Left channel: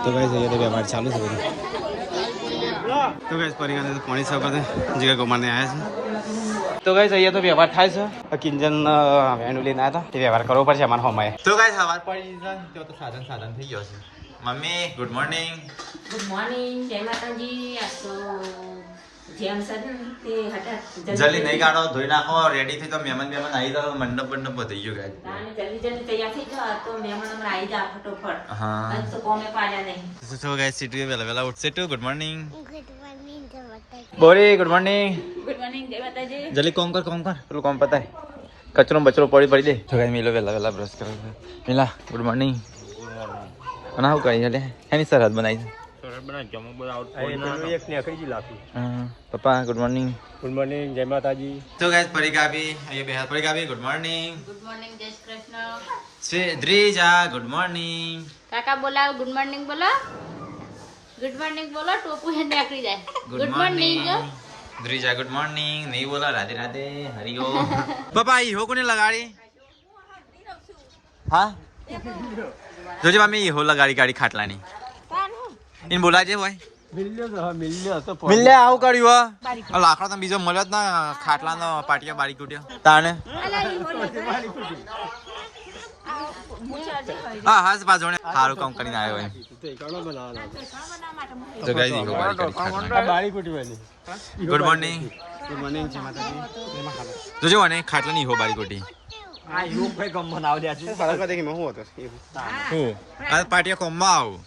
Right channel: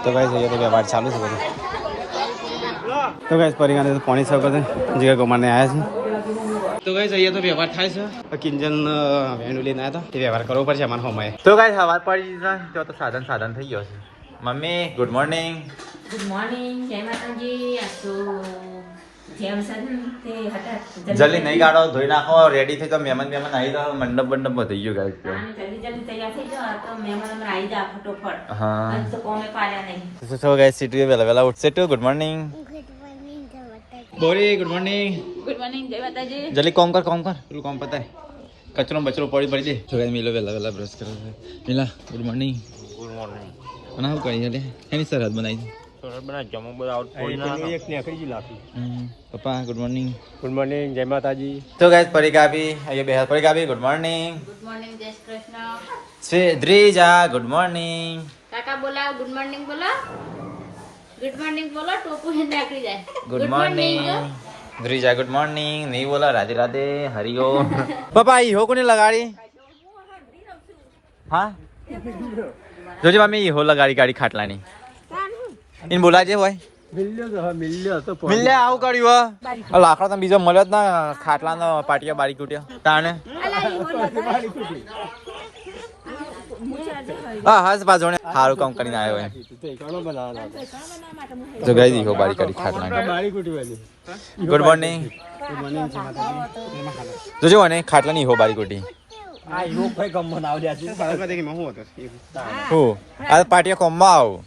તો ગાઈस ये तो व्यवहार चालू है બધું તો ગાઈસ પરિગાને તો પાણી સર્વ કરते જગ્યા ગોમાને આવ્યા છે તો ગાઈસ અહીંયા તો વ્યવહાર થાય છે કિંજન વેણુ લઈને આવ્યા હતા તે વ્યવહાર કરવો પડશે અમારા હોમાએ તો ગાઈસ સવાર પડી જો તો સાધન થઈ ગયો છે મમ્મી ગુડ મોર્નિંગ જય માતાજી આ તો જેમ સદન તે હતા જલ્દી નહીં કાઢો ધોઈ નાખો રેડી થઈ તો મહેમાન આવી તો મંડપ થઈ ગયો ગાઈસ જલ્દી તૈયાર થઈ જાવ તો મહેમાન હમણાં આવી જા ફટોફટ હા અને તો કોમે પાડ્યા નહીં તો ગાઈસ સીટુ વેલા ઉઠશે તો ગુડ મોર્નિંગ બોરી ગુડ મોર્નિંગ જય માતાજી જલ્દી કોમ કર પેલું કોમ પતાય કચરો બચરો પડી દે તો ગાઈસ મિલો વેલા બ્રશ કરો મિલા ગુડ મોર્નિંગ અને હું કરી હલે એની સરહદ બનાવી પપ્પા ગુડ મોર્નિંગ જય માતાજી તો ગાઈસ પરિગાબી અહીંયા બે પરિગાબી ગુડ મોર્નિંગ જય શ્રી કૃષ્ણ શ્રી દ્રિજા ગુડ મોર્નિંગ કાકા બોલાવ ગુડ મોર્નિંગ બોલો ટોપુ છે નીકળી જાય ગુડ મોર્નિંગ દ્રિજા ગુડ મોર્નિંગ નહીં બોલા રાધે રાધે હરિઓ પપ્પા ઈ હો કોને લગાડી હા જોજે મમ્મી ઈ હો લગાડી ગાડી ખાટલાની ઇન બોલાજે હોય મિલ્લે આવું કર્યું હો લાકડો તમે બીજો મળ્યો જ ના ખાટલાનો પાટિયા બારી કૂટ્યો તાણે હા હસ બાજોને સારું કામ કરીને આવ્યો હોય તો ગઈ દીધો બારી કાઢી ખાટલા ગુડ મોર્નિંગ જોજો મને ખાટલા ની હો બારી કૂટી આ પાટિયા કોમમાં આવ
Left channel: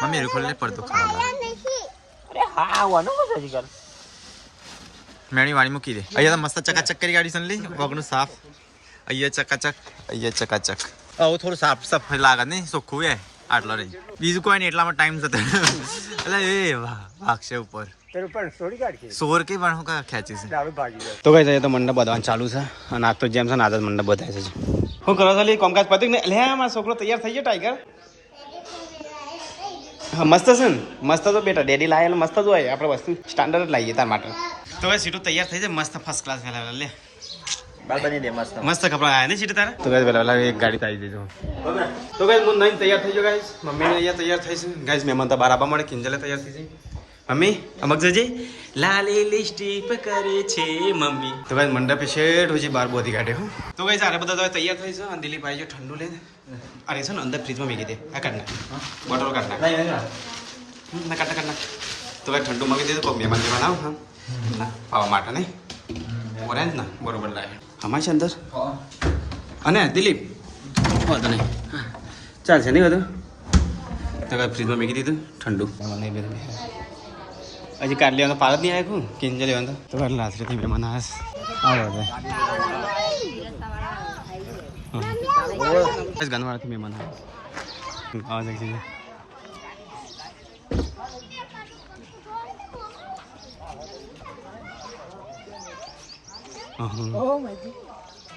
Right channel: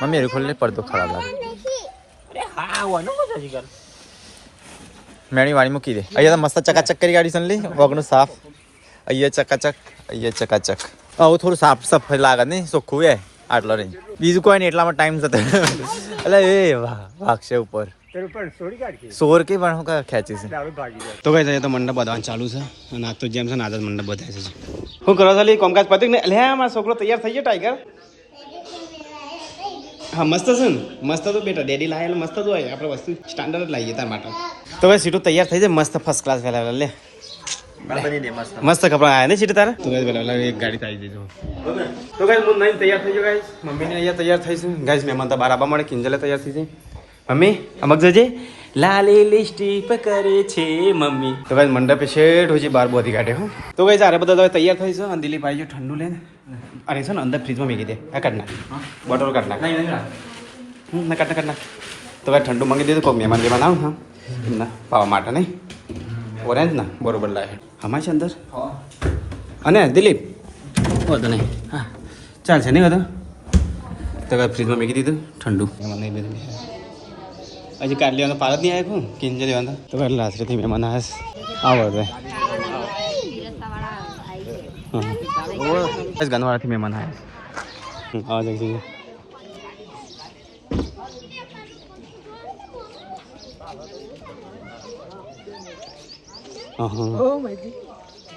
મમ્મી ખોલે પડતો ખરાબ લાગે મેણી વાળી મૂકી દે અહીંયા મસ્ત ચકાચક કરી ગાડી સનલી વગનું સાફ અહીંયા ચકાચક આવું થોડું સાફ સફાઈ લાગે ને ચોખ્ખું એ આટલો નહીં બીજું કોઈ નહીં એટલામાં ટાઈમ થતો એટલે એ વાહ વાગશે ઉપર સોર કે પણ હું ખેંચી છે તો કઈ જાય તો મંડપ બધવાનું ચાલુ છે અને આજ તો જેમ છે ને આજ મંડપ બધાય છે હું કરો છો કોમકાજ પત્યું ને એટલે મારો છોકરો તૈયાર થઈ ગયો ટાઈગર હા મસ્ત છે ને મસ્ત તો બેટા ડેડી લાવે મસ્ત જ હોય આપણે વસ્તુ સ્ટાન્ડર્ડ જ લાવીએ તાર માટે તો ભાઈ સીટો તૈયાર થઈ જાય મસ્ત ફર્સ્ટ ક્લાસ પહેલા લે મસ્ત કપડા આવ્યા ને સીટ તારે તો ગાઈસ પહેલા એક ગાડી કાઢી દીધું તો ગાઈસ હું નહીં તૈયાર થઈ ગયો ગાઈસ મમ્મી અહીંયા તૈયાર થઈ છે ગાઈસ મહેમાન તો બાર આવવા મળે કિંજલે તૈયાર થઈ જાય મમ્મી અમક જજે લાલી લિસ્ટીપ કરે છે મમ્મી તો ગાઈસ મંડપે શેઠ હોય છે બાર બોધી કાઢે હો તો ગાઈસ આરે બધા હવે તૈયાર થઈ છે અને દિલીપ આવી ગયો ઠંડુ લઈને અરે છે ને અંદર ફ્રીજમાં મૂકી દે આ કાઢ નાખ બોટલ કાઢ નાખ ના કાઢ નાખ તો ભાઈ ઠંડુ મંગી દીધું કોઈ મહેમાન જેમાં આવ હા ના પાવા માટે નહીં ઓરેન્જ ના બરોબર લાગે અમારે છે અંદર અને દિલીપ વાંધો નહીં હા ચાલશે નહીં વાંધો તો ભાઈ ફ્રીજમાં મૂકી દીધું ઠંડુ મહેમાન નહીં બધું હજી કાઢ લેવાનો પાર જ નહીં આવ્યો કિંજે લેવાનો તો કાઢ લાસરીથી મહેમાન આવે બસ ગનવાડાથી મહેમાન આવે દેખીએ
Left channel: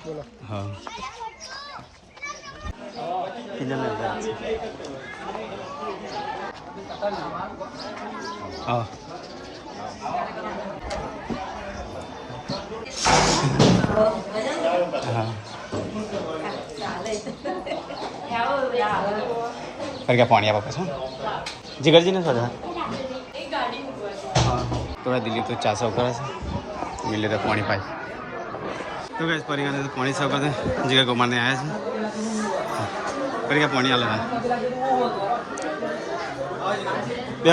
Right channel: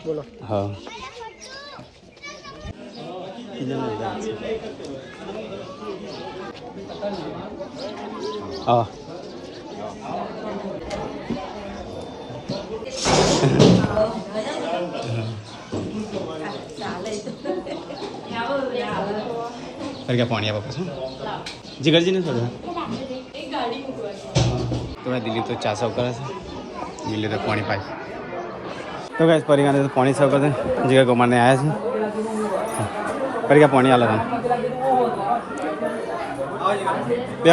બોલો હા હા क्या पानी आप वापस जिगर जी ने सोचा तो दिल्ली तो 400 करे मिले तो पानी पाइप तो क्या परिवार तो पानी सर्व करते जिगर को मारने आया पर क्या पानी आला था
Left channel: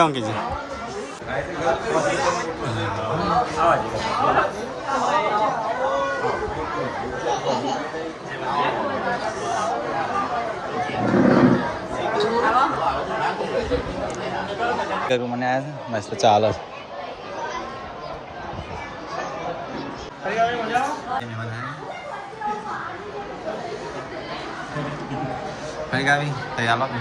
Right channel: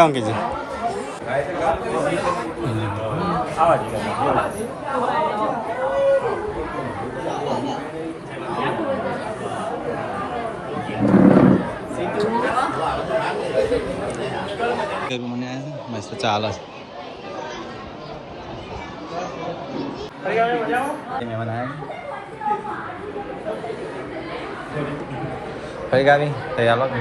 अंकित जी મને આયા છે મસ્ત ચાલે છે મહેમાન આયા ફરી ગાવી તૈયાર લાગે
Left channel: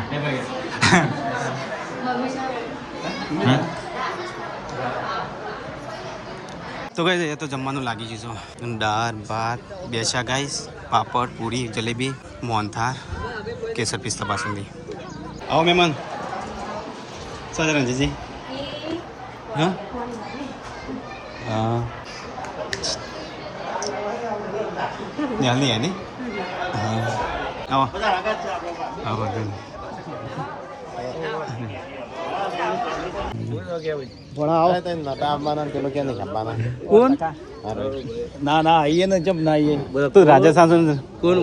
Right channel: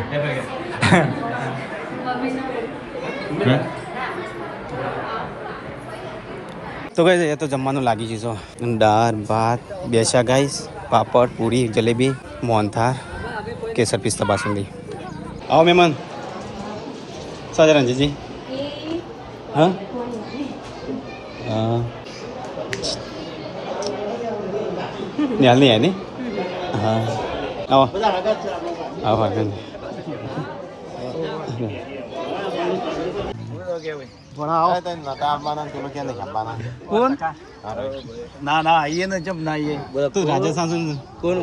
તો ગાઈસ એ તો જમવાનું લાગી ગયું છે દાળ ભાત બેસા ગાઈસ પાપડ પૂરી જલેબી મોહનથાળ કેસર પિસ્તા બાસુંદી આવો મહેમાન સાજા રંજીજી હા હા નિહાલ નહીં આવી હા આવો આવો આગળ ના ના આવીએ ને જબ ના આવીએ તું રાજસ્થાન કોણ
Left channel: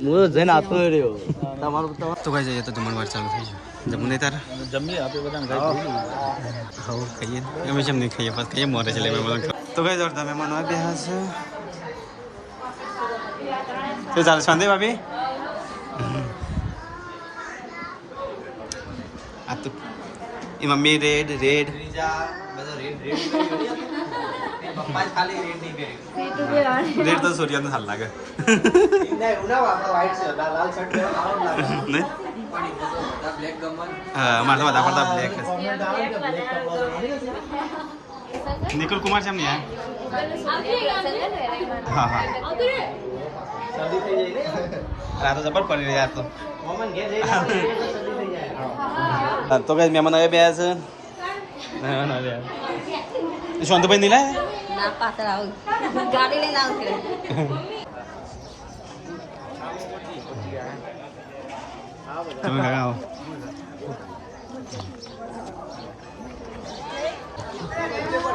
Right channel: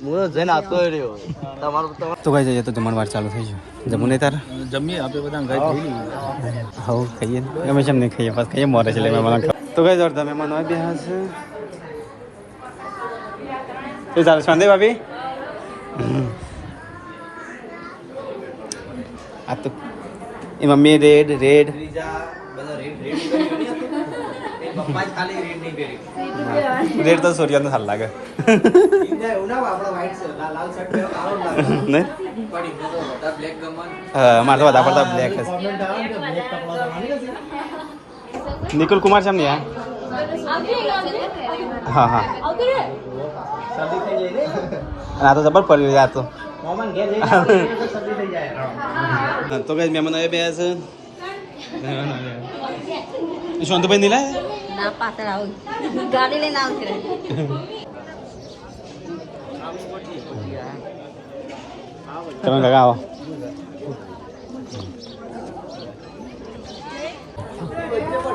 હું જઈને આવતો રહ્યો તમારું તો કઈ જઈએ તો જમણવાર ચાલુ થઈ જાય જમવું નહીં તારે જમીએ આપણે બધા ગાય થઈ ગયું હા ખાઈએ અમે જેમ નહીં ખાઈએ પાસ ખાઈએ મોરે છે એટલે મહેમાન તો કઈ જોરદાર મહેમાન હોય બે હાસ તો ચાલે શાંતિ ભાભી આ તો એ મમ્મી રેડ રેડ રેડ તો સૂર્યનો હાલ લાગે હા મારે તો વધારે પડતા બ્લેક નિકુલ કુમાર છે એમ નહીં હા હા આ તો જબર પડી રહ્યા તો તો કઈ મહેમાન હવે બે છે શાંતુભાઈ નહીં લાય ના પાછળ આવું ગાડી લઈને આવશે તમે લગાવો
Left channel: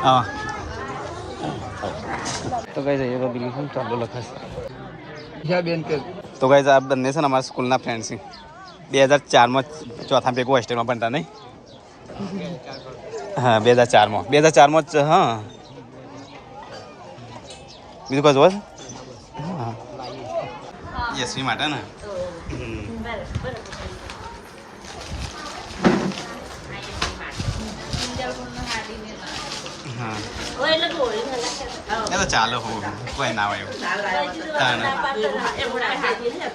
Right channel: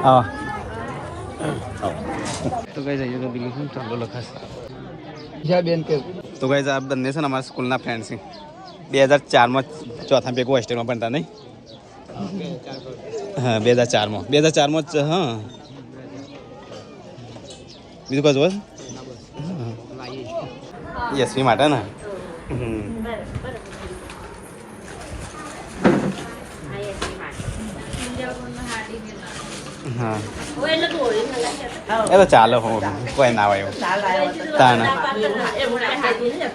આવો તો કઈ જઈએ બિલ્ડિંગ ચાલુ લખાશે તો કઈ આ બંને છે ને અમારા સ્કૂલના ફ્રેન્ડ છે 2004માં ચોથા ભેગું હોસ્ટેલમાં ભણતા નહીં હા 2004માં હા બીજું કોઈ જોવે હા યશવી માટે ને હા એ તો ચાલો હું કોઈ ના હોય એવું તાને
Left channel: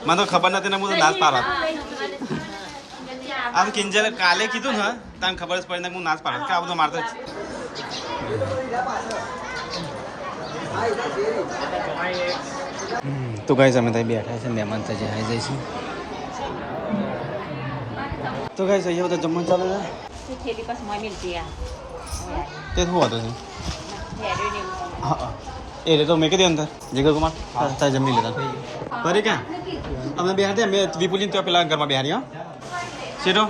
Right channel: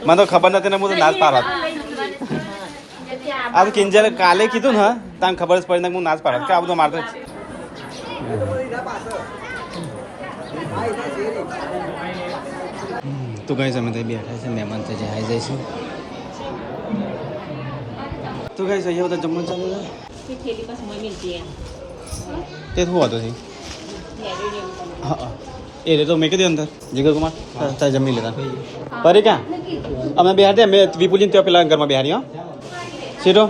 મને તો ખબર નથી ને હું તો ના જ પાડત આ તો કિંજલ કાલે કીધું ને તને ખબર જ પડી ને હું ના જ પાડત કે આ બધું મારતો તો કઈ સમય ત્યાં બેઠા છે મહેમાન ત્યાં જે આવી જાય છે તો કઈ જઈએ બધા જમવાનું ચાલે છે થેલી પાસે મળી એ શું હતું છે હા એ રે તો મેં કીધી અંદર જીગર કુમાર તારે જમી લેતા પરે ક્યાં અમે બિહાર મેં વિપુલજી ત્યાં પેલા ઘરમાં બિહારી હા સીધો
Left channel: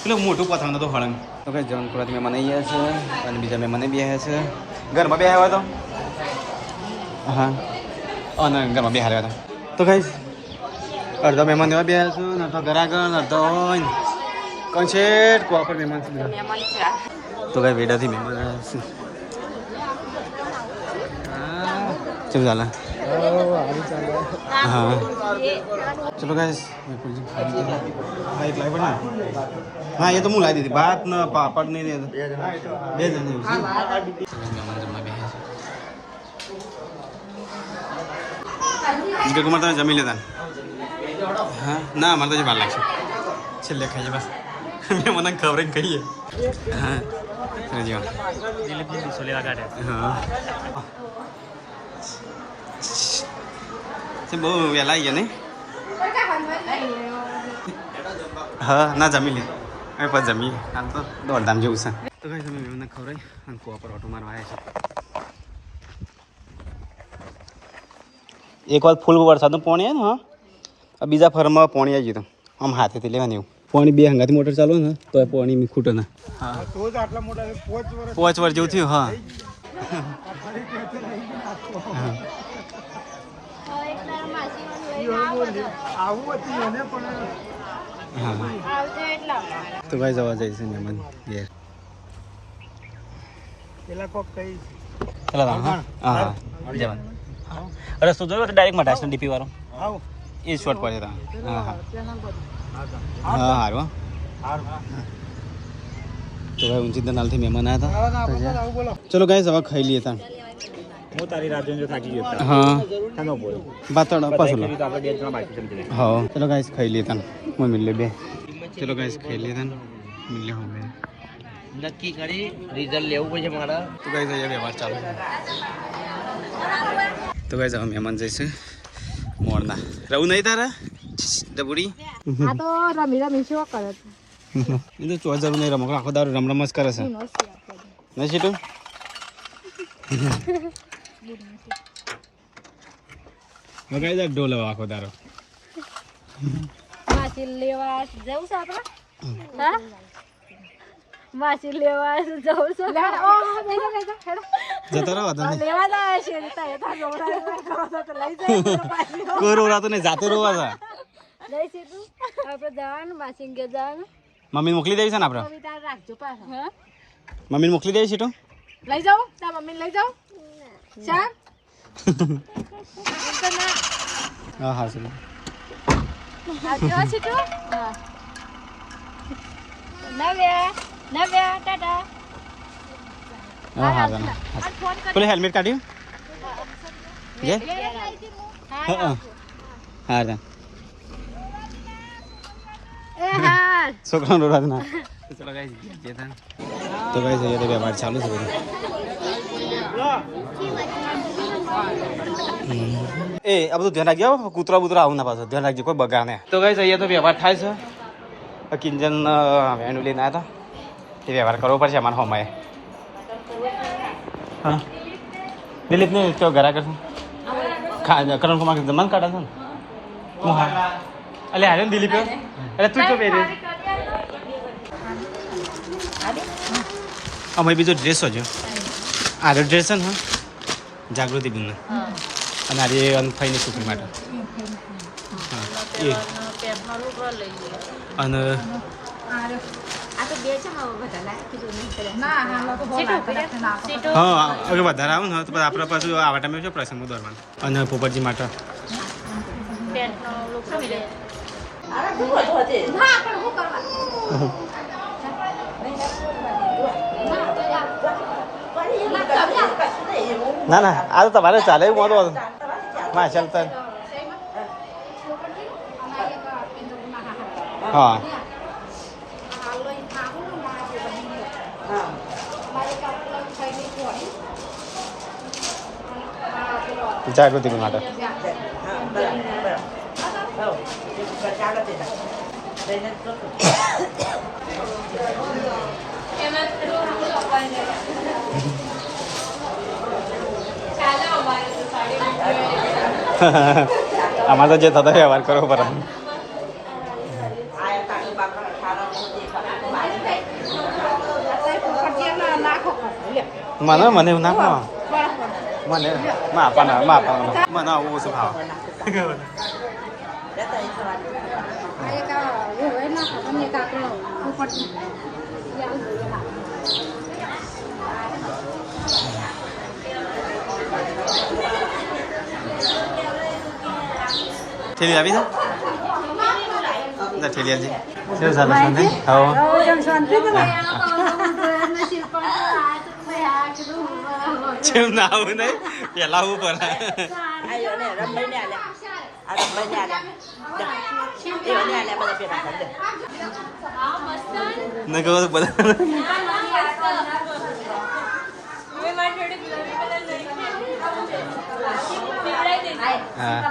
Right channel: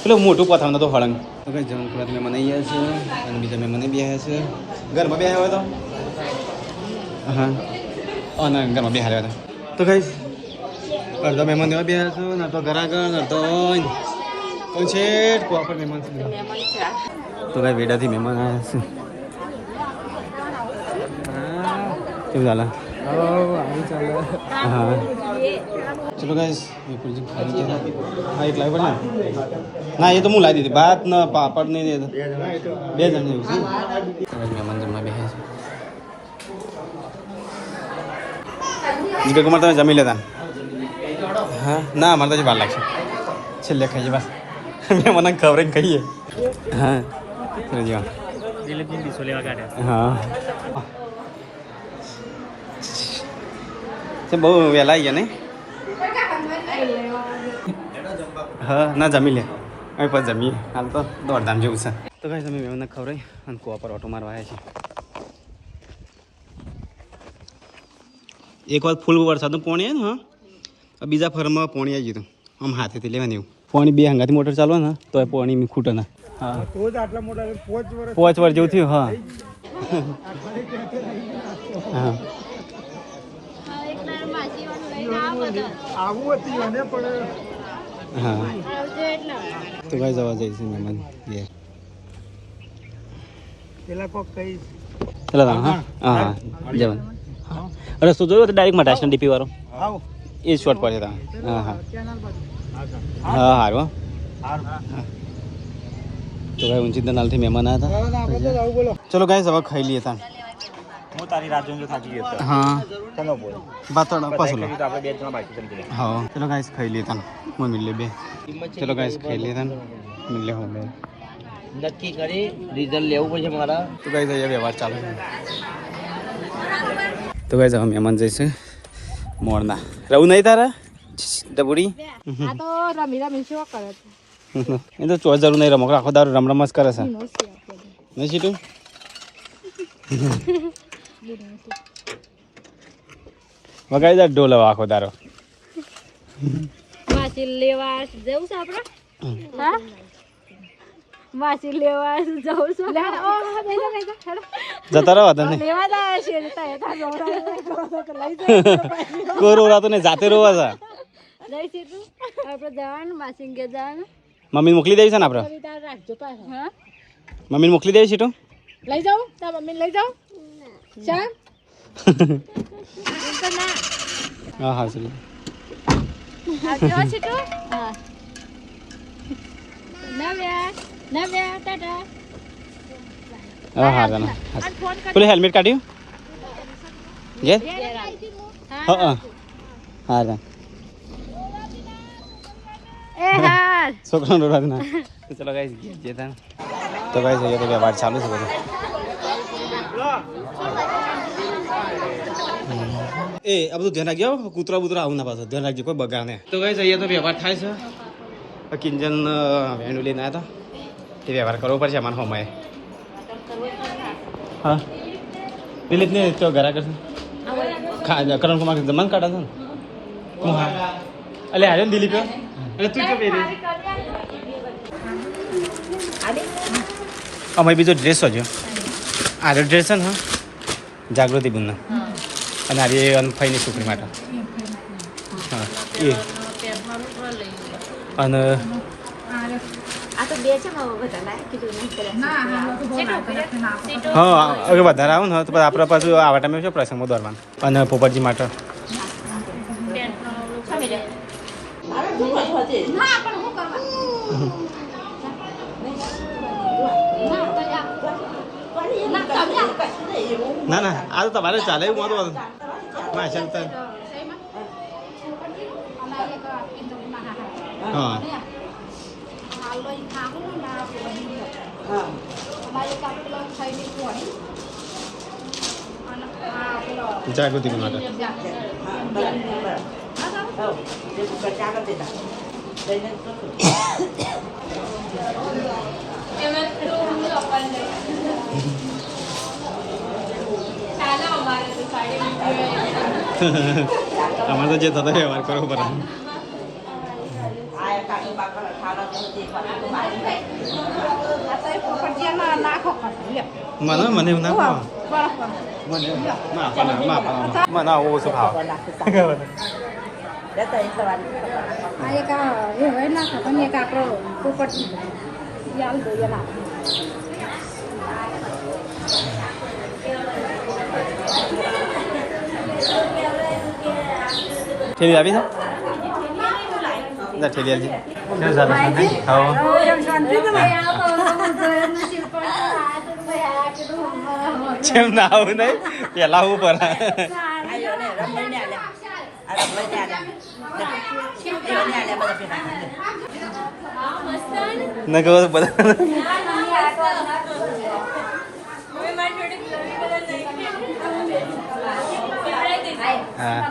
પેલો મોટું પથાવનું તો હળંગ તો કઈ જમણ ખોરાક મહેમાન આવી ગયા છે અને બીજા મહેમાને બી આવ્યા છે ઘરમાં બી આવ્યા તો હા અને ઘરમાં બી હાર્યા હતા તો કઈ અડધો મહેમાન એવા બી આવ્યા છું ને તો ઘરાગણ અડધો કન્સેટ કોપર મહેમાન છે તો કઈ વેડાથી મહેમાન આવ્યા છે શું ચાલે હા ચલો ગાઈસ વિપુલજી ખાઈ ગયા હા એક લાવી પડે ને ના એ તો હું લાવી દીધી ભાત ને પાપડ ને બે જણ જેવું છે મહેમાન જમવા બેસે છે નીકળ કુમાર તમે જમી લેતા હા ના અમારે તો વાર લાગશે છેલ્લે ખાઈએ બસ મેં મને ખબર જ કહીએ હા ચલો જીવા હા બહુ વહેલા આવી ગયા નહીં હા ના જમી લે હવે પછી જમીએ હાલ તો દોડધામ જેવું છે તો કાંઈ તમે મને ખબર અને કુવા પર ઓટો મારવા આવ્યા છે એક વાર ફૂલ વરસાદનું પાણી આવે ને હા બીજા ફરમાં પાણી આવી ગયું આમ હાથેથી લેવાની એવું પાણી બે હંગાથી મોટર ચાલુ ને તો એ પાણી ખૂટે ને હા 5 વર્ષ જેવું થયું હા તો ભાઈ જવા જાય છે મહેમાન અરે શું જોયું ડાયરેક્ટ મટાશન ડીપી વાળો એ શોર્ટ પડે હા હા હારું તો ભાઈ ઊંચી નાલથી મહેમાન આવ્યા હતા ચલો ગાઈસ હવે ખાઈ લઈએ તા હું તારી રાત જોઈને થાકી ગયો હા ચલો બોલો બાતોડ પાછું લો આપણે બે જણા બાકી સમજી હા ચલો ગાઈસ ખાઈ લઈએ તા મમ્મી લે બે ચલો ગાઈસ ખાઈ લઈએ તા મિલે હોય બે નક્કી કરી રિઝલ્ટ લેવું પડશે મારા તો ગાઈસ અહીંયા વ્યવહાર ચાલે છે તો ગાઈસ હવે મહેમાન જઈશે મોરના રહું નહીં તારા ડબુડી આ તો રમી રમી શું કરે એ તો ચો જરૂર નહીં રમો આખો દારૂ રમ જ કરે છે નહીં સીટું વગાડી દે ઢોલ આખો તારો. માસી લેવા જવું છે આપણે હા માસી લેવા જવું છે જતા રહો તને લેવા ના છે લઈ કોઈ રોવાતો નહીં, જાતે રોવા છે. સીધું આપણે જવાનું માસી કે જવાનું મમ્મી મોકલી દેવી છે ને આપણે? તાર રાખજો પાછા હા મમ્મીને મોકલી દેવી છે તો લઈ જાઉં તાર મમ્મીને લઈ જાઉં ચાલ તો ના હા હા ચલો. આ સીટો હા નવ્યા ટાટા હા હા તને પેલું હેલ્મેટ કાઢ્યું જે હા હા હા તને એ હા છોકરાનો રોડા ના. ચલો ગાઈસ જે તને તો ગાઈસ અહીંયા તો વ્યવહાર ચાલુ છે બધું. એ આ બધું ધ્યાન રાખજો, કૂતરા બુતરા આવું ના પાછો ધ્યાન રાખજો, કોઈ બગા ને. તો ગાઈસ અહીંયા તો વ્યવહાર થાય છે. કિંજન વેણું લઈને આવ્યા હતા, એ વ્યવહાર કરવો પડશે અમારા હોમાએ. હા દિલીપ ને તો ઘરા કરશે કરણ કુમાર જમવાનું કાઢા છે ને હું હા અલે આવ્યો ને દિલીપ એટલે તું તો પહેર્યું અમારે બીજો ડ્રેસ હજો આરો ડ્રેસ છે ને હા જાગૃતિ બુનનો અને આરી અનફાઈની છોકરી માટે હા એ અને હા અગર વધારે આવું ને તો પછી આપણે પાછું આવા ટાઈમે શું પ્રસંગમાં દોરવાનું અને પોપટજી માટે ના ના આ તો તમારે ચાલે એવું મોટું માશા હા જાગૃતિ માટે અમારે તો જે થતો વ્યવહાર કરવો પડે. મને મને એવું ના ખાવા મને માપવાના મને આવું ઓછું ખાવા ઠેલી આવી છે ઠેલી આવજે કેવું ચાલે જેમ ના આવું નહીં પેલા આવું પડે ન કહો બધા હા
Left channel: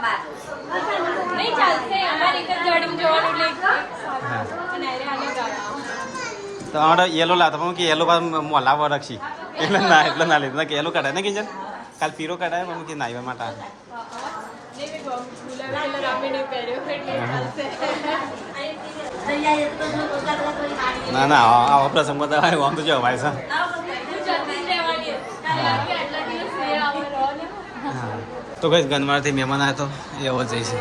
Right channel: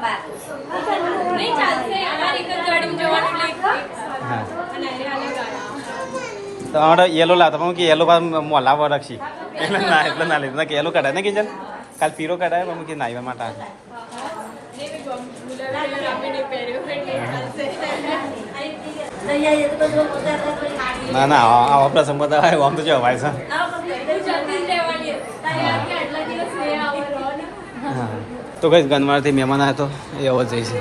તો અમારે યેલો લાવતા પણ કે યેલો મોલાવા રાખી એટલે ના લીધું કે યેલો કઢાય ને કે કાલ પીરો કઢાય પણ કે નાઈવા માટે ના ના આવા પ્રસંગ બધા આમ તો જવાય છે. તો કઈ ગનવારથી મહેમાન આવ્યા તો એવો જઈશે.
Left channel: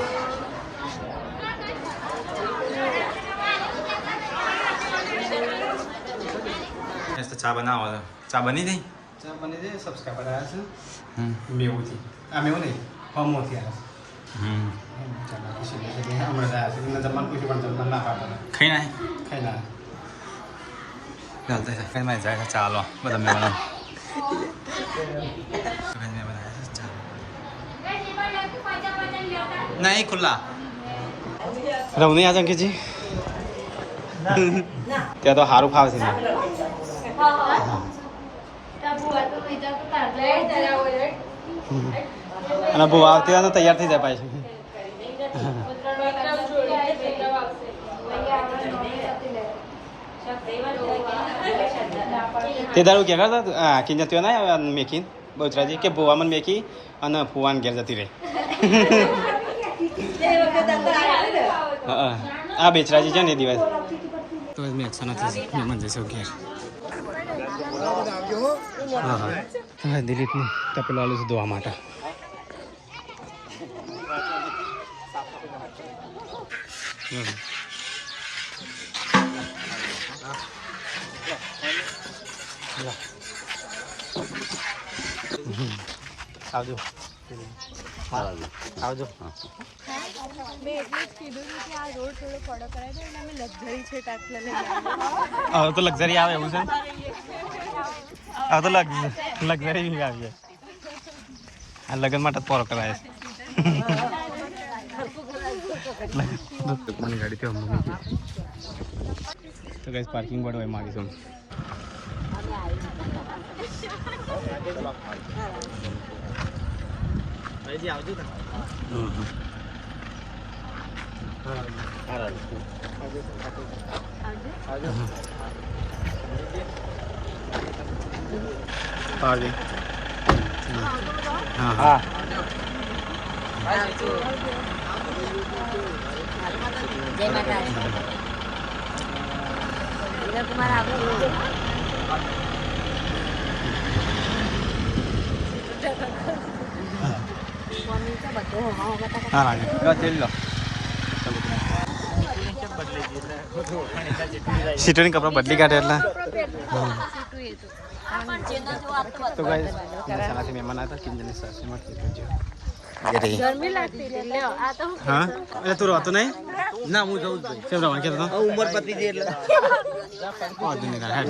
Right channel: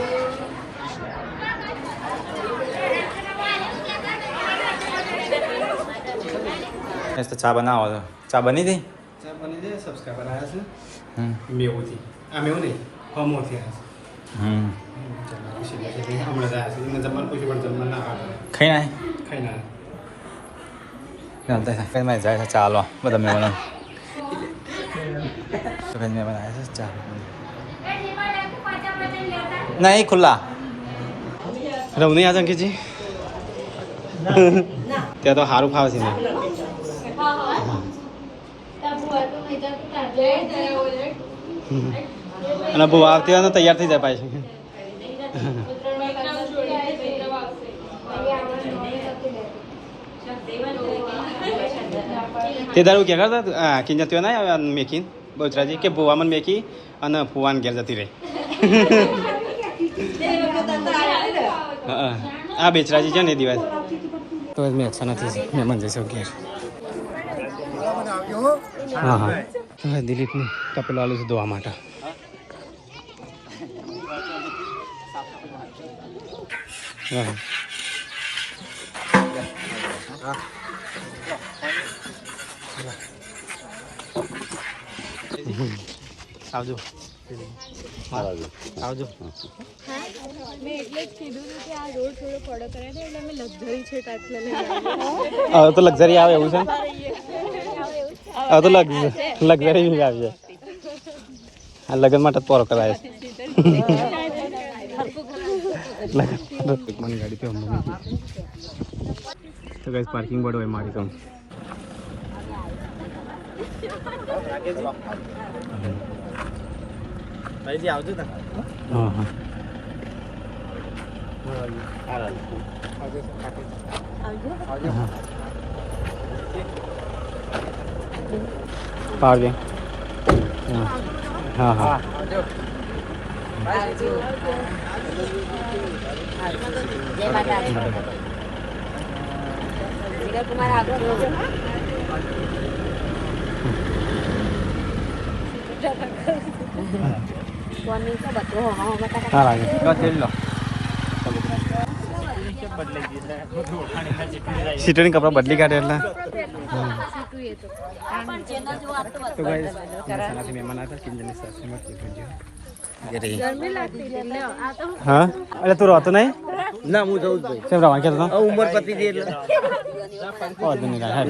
તો ચા બનાવો તો ચા બની ગઈ ચા બની ગઈ સબસ્ક્રાઈબર આવ્યા છે મેવુંથી આ મેવું નહીં હમોથી આવ્યા છે હમણાં આવ્યા છે એમને જમવાનું પૂછ્યું પણ જમવાનું ના પાડે ખાઈ ના ચાલતા કઈ માં જાય ચાલો બધા મહેમાનો મહેમાન આવ્યા છે ચા નહીં ખુલ્લા રહું નહીં આ અંકિતજી ત્યાં તો સારું ખાવ છે ને અને બહુ આવતી હોય તૈયાર થઈ જાય પાછી તે દારૂ ક્યાં કરતા કિંજત ના મેકી બહુચરાજી કે ભુવા મને મેકી અને ફુવાન ઘેર જતી રહી હા આ બેચરાજી છે ને એ દિવસ તો મેં અક્ષા નથી મહેમાન જઈશું ઘેર હા હા તમારે દિલીપની તપેલું આલું છે ધોવા માટે હા આવજો આવજો મેં એટલે જ કીધું હતું કે આ રોડ થોડો પડો કરાય ને એટલે અમે લક્ઝરી છે તાત્લે લઈ હવે તો લક્ઝરી આવે એવું છે હવે તો લક્ઝરી આવી આ લગ્ન માટે પોરો કરાય મને ગાડી થી તો ગાઈસ પાર્કિંગ બોર્ડ હોય મારી સામે ભાઈજી આવજો તા હા હા આવજો હા હા હા લાગે સીટોની કપડા બદલી કાઢે એટલે તો ગાઈસ સનાથી મહેમાન હતા ચિંતનની સાસુમાં હા એટલે તું રહેતો નહીં ના હું જઉં જ ભાઈ કેમ રવા કહેતો હતો ઉંમર પતી ગઈ એટલે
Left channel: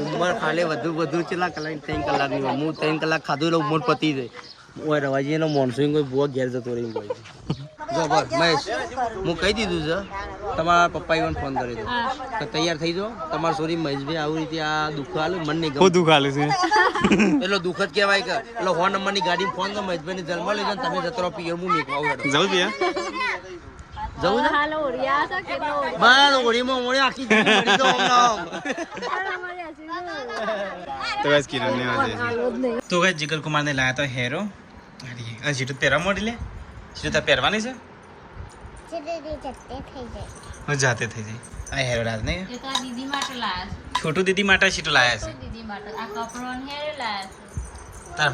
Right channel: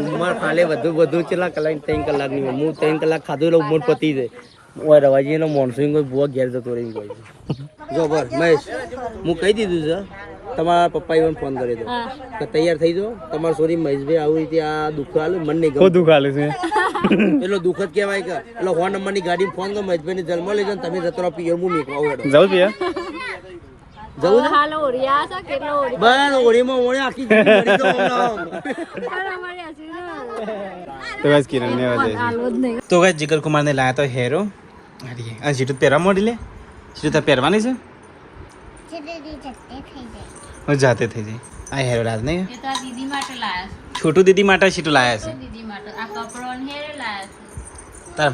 ઉંમર ખાલે વધુ કેટલા કલાક 3 કલાકની હોય હું 3 કલાક ખાધું એટલે ઉંમર પતી જાય ઓય રવાજી એનો મોનસૂન કોઈ બુઆ ઘેર જતો રહી કોઈ જો બસ મહેશ હું કહી દીધું છે તમારા પપ્પા even ફોન કરી દો તો તૈયાર થઈ જાઓ તમારા સોરી મહેશભાઈ આવી રીતે આ દુઃખ આલે મને ગમે દુઃખ આલે છે પેલો દુઃખ જ કહેવાય કે પેલો 4 નંબરની ગાડી ફોન કરો મહેશભાઈ ને જન્મ લઈ જાવ તમે જતો રહો પિયર હું નીકળો હેડો જાવ પિયા જવું ને હાલો ઓરિયા છે કેટલો ઓરિયા બસ ઓળીમાં ઓળે આખી જિંદગી મરી જાઓ તો બસ કિરણ ને વધે તો ગાઈસ જીગર કુમાર ને લાયા તો હેરો આ જીટુ પહેરવા મોડી લે જીટુ પહેરવાની છે જાતે થઈ જાય આ હેરો રાજ નહીં એ તો આ દીદી માટે લાયા છે છોટું દીદી માટે સીટું લાયા છે દીદી માટે આ કપડો ને હેરે લાયા છે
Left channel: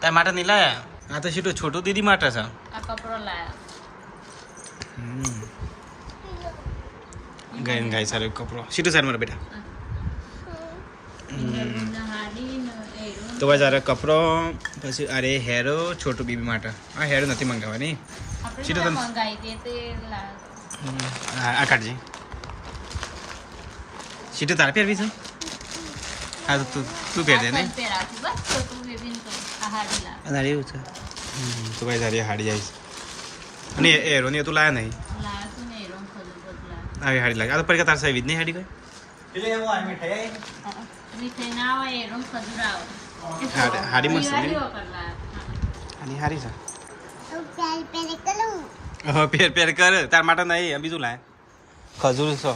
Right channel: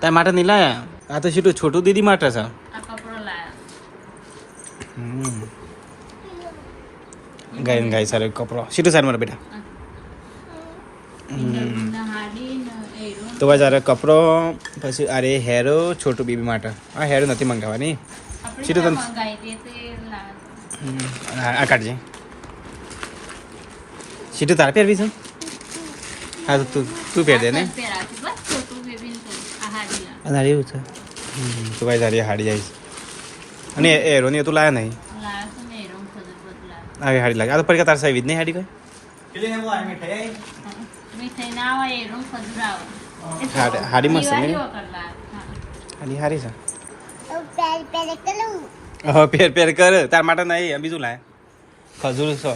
તાર માટે નહીં લાયા આ તો સીટું છોટું દીદી માટે છે આ કપડો લાયા ગાય સારો કપડો સીટું સારું મારે બેટા તો ભાઈ સારો કપડો પછી અરે હેરો છોટું બેબી માટે આ હેરો નથી મંગાવવાની સીટું તને આ કાઢજે સીટું તારે પહેરવી છે હા તો તું પહેર દે ને અને એવું છે તો ભાઈ સારી હાડી આવી અને એરોની તું લાયા નહીં આવી હાડી લાગે આ તો પરીક્ષા તાર સાહેબ જ નહીં હાડી ભાઈ હાડી મસ્ત ને હાડી હારી છે હા પેર કર તાર માટે નહીં બીજું લાય ખજૂર છો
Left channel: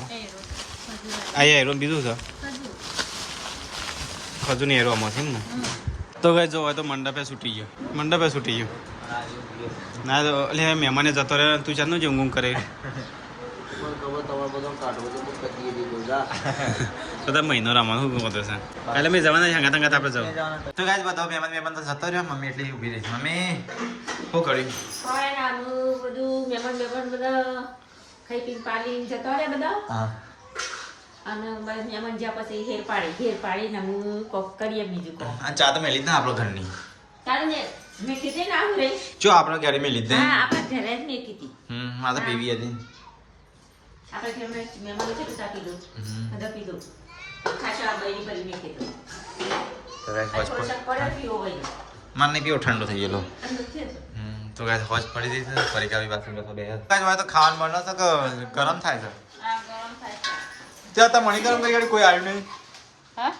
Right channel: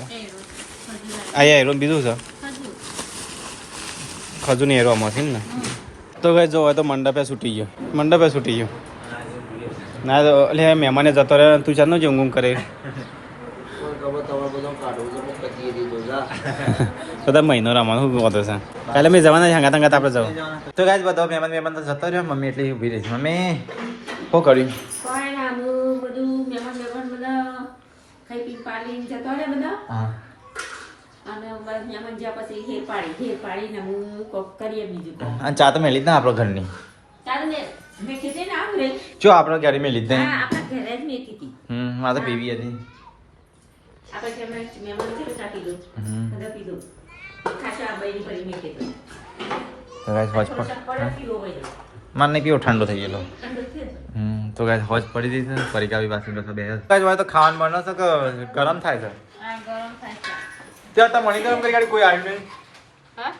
અહીંયા એરો બીજું છે ખજૂર ની એરો આમાં છે ને તો કઈ જો તો મંડપે છૂટી ગયો ના તો એટલે મહેમાને જતો રહે તું ચાલ નો જ ઊંઘ કરે બધા મહિનો રમવાનું શું કહો છે કાલે મેં જવાના હંગાત હંગાત આપણે જવું તો ગાય બધો મહેમાન તો જતો રહ્યો મમ્મી એટલી ઊભી રહી છે મમ્મી શું કર્યું બધું મહેમાન બધા ખાઈ પી પાડીને જતો રહે બધા હા અને મહેમાન જ્યાં પછી ઘેર પાડીને હું કોક કરીએ બીજું કોક અને ચા તો મેલી જ ને આપણો ઘરની ચાલ ને મેં કીધે ને આમ રે જો આપણો ઘરે મેલી જ નહીં આપણા ઘરે જ મેકી હતી આ તો પીવી હતી આપણે ઘરે મહેમાન છે તો ચા પીધું બધા પીધું ખાસા બૈરી પડી મેં કીધું મને નહીં પીવો ઠંડો થઈ ગયેલો તો ગાય હોજ પડી જઈ છે ફરી કાવી પાછી બે ગાય તો ખાવાનું મળે છે કે ગરમ થાય છે ત્યાં તો મણી ગરમ કરી ગાડી કોઈ આવી નહીં હા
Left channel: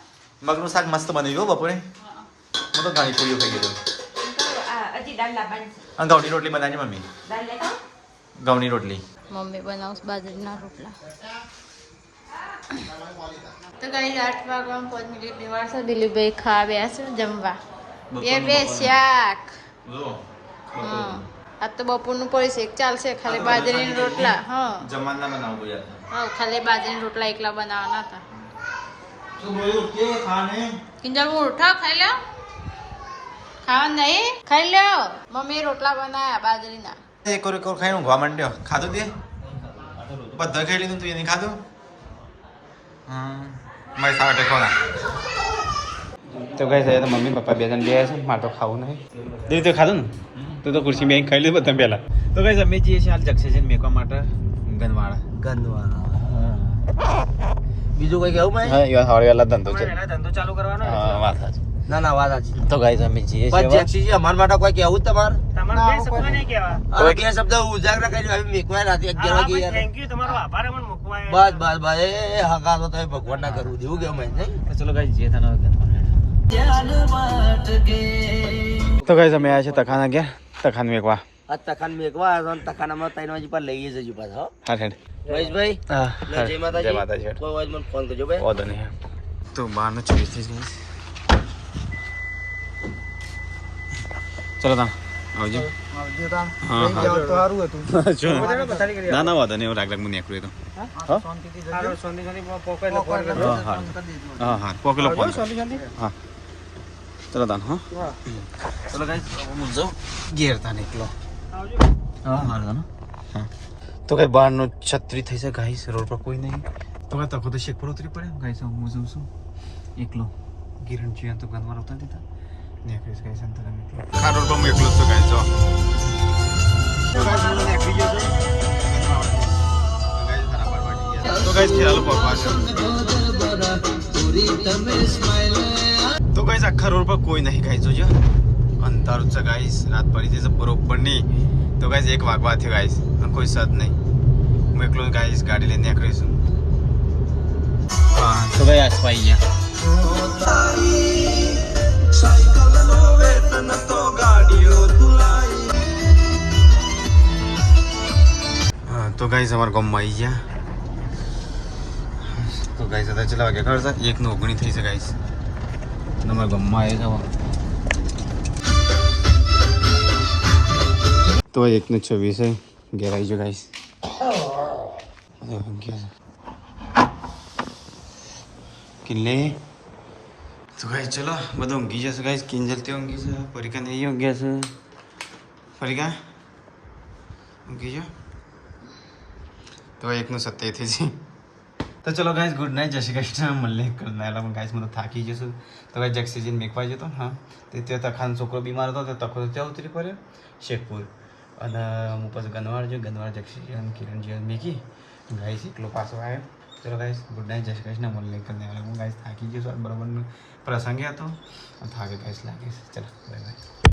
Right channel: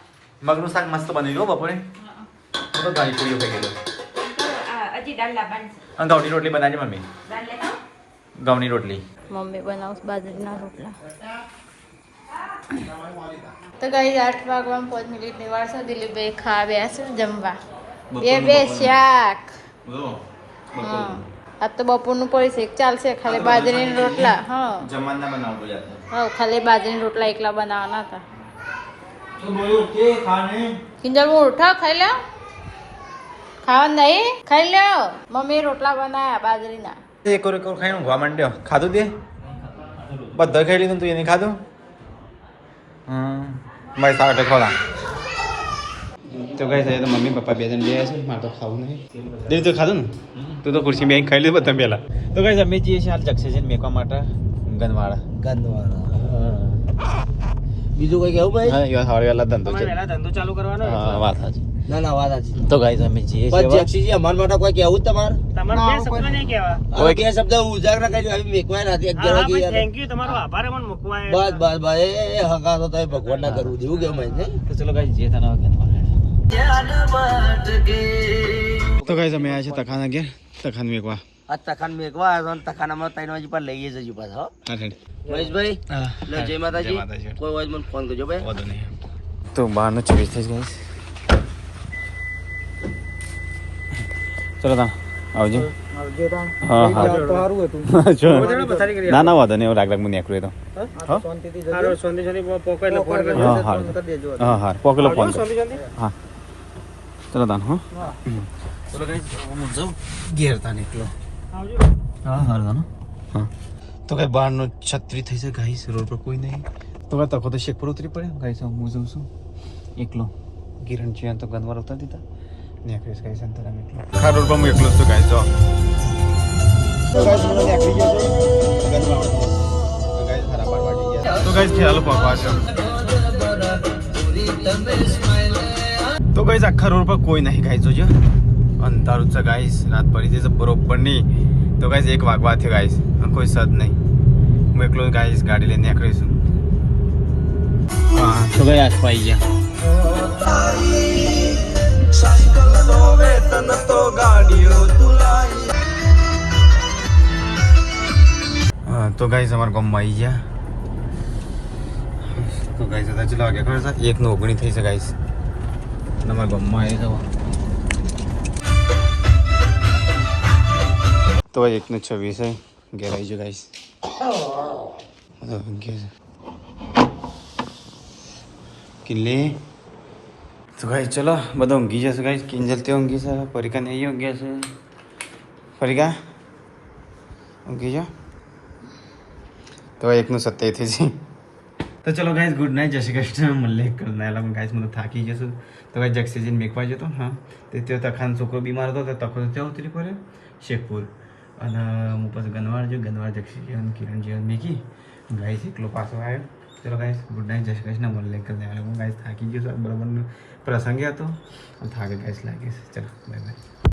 મગનું શાક મસ્ત બની ગયું બપોરે હું તો ઘણી પૂરીઓ થઈ ગયો હજી દાળ લાવવાની અને ઘઉંની રોટલી બનાવી મમ્મી દાળ લેતા ઘઉંની રોટલી મમ્મી બનાવશે બાજરીના રોટલા તો કઈ 8 વાગવામાં 5 મિનિટની વાર છે દિલીપભાઈ ખાવા બેસે જમવા બે શાક હા આજ તો બપોરનું પડી શેક ચાલશે ખાલી બાજરીના રોટલા હા જમવાના બનાવો યાર હા ખાલી બાજરીના રોટલા એકલા બનાવવાના હતા તો બોલો કે ખાને કિંજલ ઉઠા ખાઈ લો ખાવાનું નહીં ખાઈ લો મમ્મી રોટલા બનાયા બાજરીના એક ઓર ખાઈને ઊંઘવા માંડ્યો ખાધું તે બધા ખાઈ લીધું તું એને ખાધું મારી સાથે ખોલા તો કઈ થાય મમ્મી પપ્પા બે જણ બે છે મારે તો ખાવું નહીં દીદી તો ખાધું ને તું તો ખુરશી બેન ખાઈ લીધું બધા પહેલા તો કઈ અમે જઈએ છીએ હાલ જક્ષે મેકવા માટે ગનવાડા બીજું કઈ કેવું ભાઈ હા યાર હવારે ધંધો છે ધંધો ચાલુ કરવાનો હા વાત સાચી ના વાત સાચી તો ગાઈસ અમે જઈએ બસ જેક્સીજી અમાર માટે કોઈ કેવું તમારે તમારે બે શબ્દ નહીં કહેવા અરે બે શબ્દ ઉજાગરા કરી હવે મેકવાય નથી 11 વાગે યાર થેન્ક યુ તમારો આભાર મને મૂકવાય બસ એ હકા તો તમે ભગવાન ના કરવું જેવું કેમ નહીં તો ચલો ગાઈસ જઈએ તને તો ગાઈસ અમે આયા છે તખાના ગયા તખાન મેકવા આ તખાન મેકવા આવ્યો ને તખાન હમણાં 3 વાગે પર લઈએ જજો પાછો હા હેડ મહેશભાઈ હા જય માતાજી કોઈ વાત મને ફોન કરજો ભાઈ ઓદો નહીં તો બહારનું 24 થઈ ગઈ ચલો તા આવજો હા હા ના ના વાંધો નહીં રાગ રાગ મને એકલું તો હા હા પોકેલો ફોન કર હા ચલો તાન હા ચલો ગાઈસ હું જાઉં ઘેર તા નીકળો હા હા હા તો કઈ બહારનો છત્રી થઈ છે ગાઈસ રોડ પર કોઈ નહીં તો કઈ તકો તો શેક પર ઉતરી પડે ગાઈસ હું જઉં છું એકલો કિરણ છે તો ગંદવાર ઉતર દીધા નેકરીસ ગાઈસ અંતરા નીકળો ખા રોડ પર હું એકલો છું ગાઈસ જો તો ગાઈસ મને નેકરી ગયો છે ગંદવાર તો ગાઈસ ખરા બાર વાગી ગયા તો ગાઈસ ખ્યાલ પકવા છે તો ગાઈસ આખા રોડ પર કોઈ નહીં ગાઈસ જોજો અંધારું છે ગાઈસ રાત પડી છે બરોબર નહીં તો ગાઈસ 1 વાગવા થયો ગાઈસ કોઈ સદ નહીં હું એકલો ગાઈસ ગાડી લઈને નીકળીશું હા તો ગાઈસ આસપાઈ ગયા હા તો ગાઈસ અમારા ગામમાં આવી ગયા તો ગાઈસ હતા ચલા વાગ્યા ખબર છે 1:19 થઈ છે ગાઈસ અમારા ગામમાં આવી જવા તો 1:26 ઘેર આવી ગયો ગાઈસ કિલ્લે તો ગાઈસ ચલો બધા ઊંઘી જશે ગાઈસ કિંજલ તે ઊંઘી છે પરિકા ને ઊંઘી છે પરિકા ઊંઘી જા તો 1:27 થઈ છે તો ચલો ગાઈસ ગુડ નાઇટ જય શ્રી કૃષ્ણ મળે કરનાલા હું ગાઈસ મને થાકી જશું તો ગાઈસ જક્ષેજીન મેકવા જતો હા તે તખાન છોકરો બીમાર હતો તો તખો ત્યાં ઉતરી પડ્યો શેખપુર અને હું પછી ગનવાર જક્ષેજી કિરણજી મેકી ગાઈસ એકલો પાછો આવ્યો ચલો ગાઈસ ગુડ નાઇટ જય શ્રી કૃષ્ણ મળે કરનાલા હું ગાઈસ થાકી ગયો છું બરોબર પ્રસંગે હતો થાકે ગાઈસ લાગે છે ચલો બાય બાય